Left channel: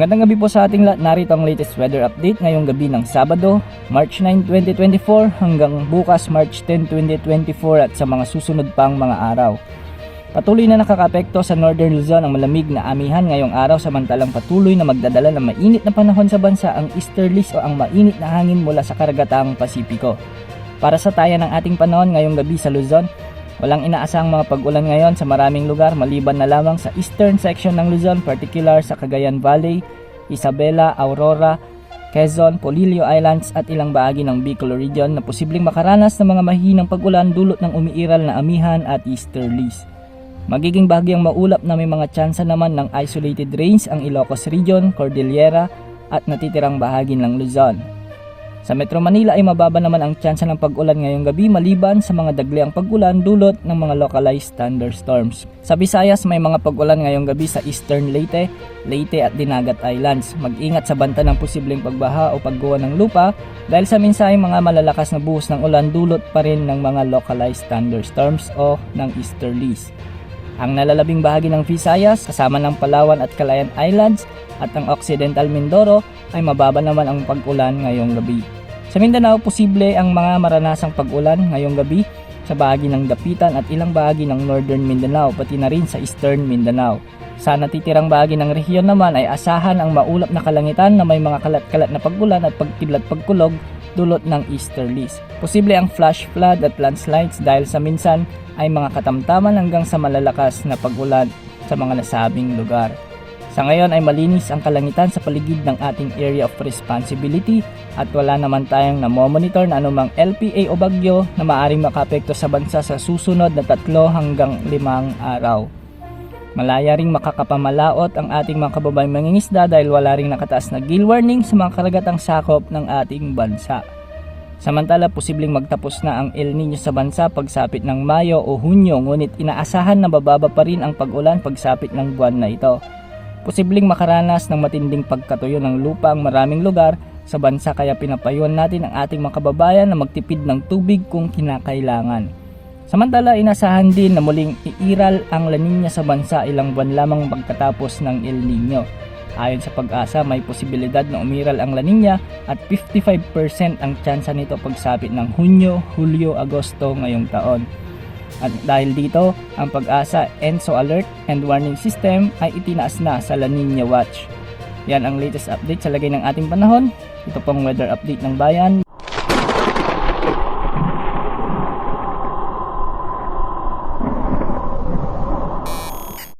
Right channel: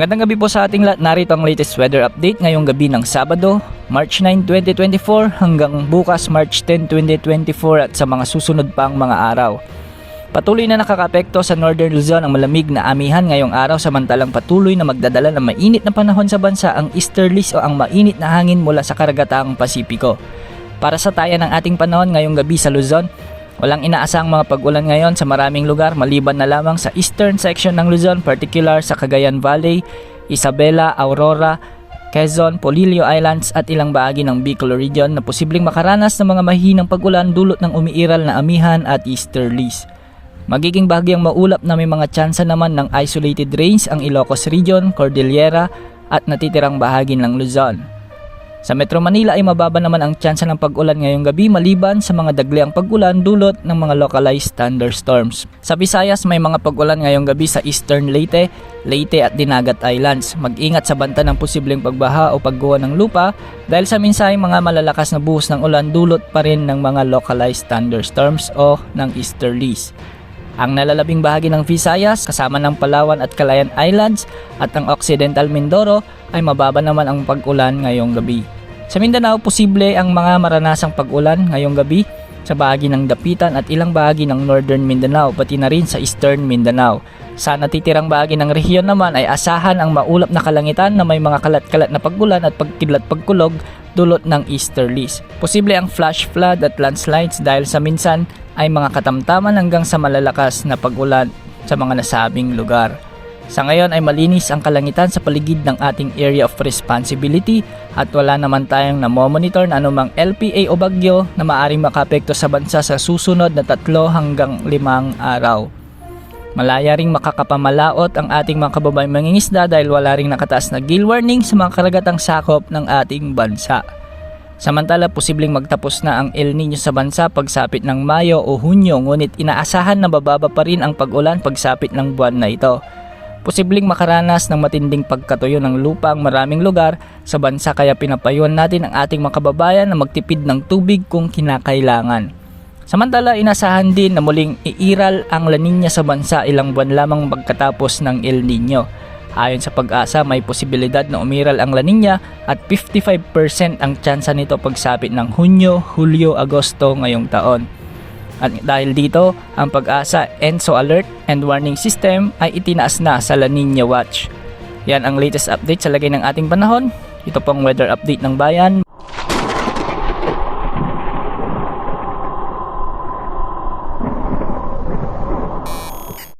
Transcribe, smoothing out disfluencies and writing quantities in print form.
Magandang gabi po sa ating lahat. Narito ang latest weather update ngayong gabi ng Sabado, March 9, 2024 hanggang bukas March 10, 2024 at sa mga susunod pang mga araw. Patuloy na nakakaapekto sa Northern Luzon ang malamig na amihan ngayong araw, samantalang patuloy na magdadala ng mainit na panahon sa bansa ang easterlies o ang mainit na hangin mula sa karagatang Pasipiko. Para sa taya ng ating panahon ngayong gabi sa Luzon, walang inaasang mga pag-ulan ngayon sa maraming lugar maliban na lamang sa eastern section ng Luzon, particular sa Cagayan Valley, Isabela, Aurora, Quezon, Polillo Islands at ilang bahagi ng Bicol region na posibleng makaranas ng mga mahinang pag-ulan dulot ng umiiral na amihan at easterlies. Magiging bahagyang maulap na may mga tsansa naman ng isolated rains ang Ilocos region, Cordillera at natitirang bahagi ng Luzon. Sa Metro Manila ay mababa naman ang tsansa ng pag-ulan ngayong gabi maliban sa mga dagliang pag-ulan dulot ng mga localized thunderstorms. Sa Visayas may mga pag-ulan ngayong gabi sa Eastern Leyte, Leyte at Dinagat Islands. Mag-ingat sa banta ng posibleng pagbaha o pagguho ng lupa dahil sa minsay mga malalakas na buhos ng ulan dulot pa rin ng mga localized thunderstorms o ng easterlies. Ang nalalabing bahagi ng Visayas kasama ng Palawan at Calayan Islands at ang Occidental Mindoro ay mababa naman ang pag-ulan ngayong gabi. Sa Mindanao, posible ang mga maranasang pag-ulan ngayong gabi sa bahagi ng Dapitan at ilang bahagi ng Northern Mindanao pati na rin sa Eastern Mindanao. Sa natitirang bahagi ng rehiyon naman ay asahan ang maulap na kalangitan na may mga kalat-kalat na pag-ulan at pagkidlat-pagkulog dulot ng easterlies. Posible ang flash flood at landslides dahil sa minsan ay mga katamtaman hanggang sa malalakas na pag-ulan sa mga nasabing lugar. Sa ngayon ay malinis ang kalangitan sa paligid ng ating area of responsibility at wala naman tayong namomonitor na anumang LPA o bagyo na maaaring makaapekto sa bansa sa susunod na 3 hanggang 5 araw. Malaya ring makakapamalaot ang ating mga kababayang mangingisda dahil wala ring nakataas na gill warning sa mga karagatang sakop ng ating bansa. Samantala, posibleng magtapos na ang El Nino sa bansa pagsapit ng Mayo o Hunyo, ngunit inaasahan na bababa pa rin ang pag-ulan pagsapit ng buwan na ito. Posibleng makaranas ng matinding pagkatuyo ng lupa ang maraming lugar sa bansa kaya pinapayuhan natin ang ating mga kababayan na magtipid ng tubig kung kinakailangan. Samantala, inasahan din na muling iiral ang La Nina sa bansa ilang buwan lamang pagkatapos ng El Nino. Ayon sa Pag-asa, may posibilidad na umiral ang La Nina at 55% ang tsansa nito pagsapit ng Hunyo, Hulyo, Agosto ngayong taon. At dahil dito, ang Pag-asa ENSO Alert and Warning System ay itinaas na sa La Nina Watch. Yan ang latest update sa lagay ng ating panahon. Ito pong weather update ng bayan.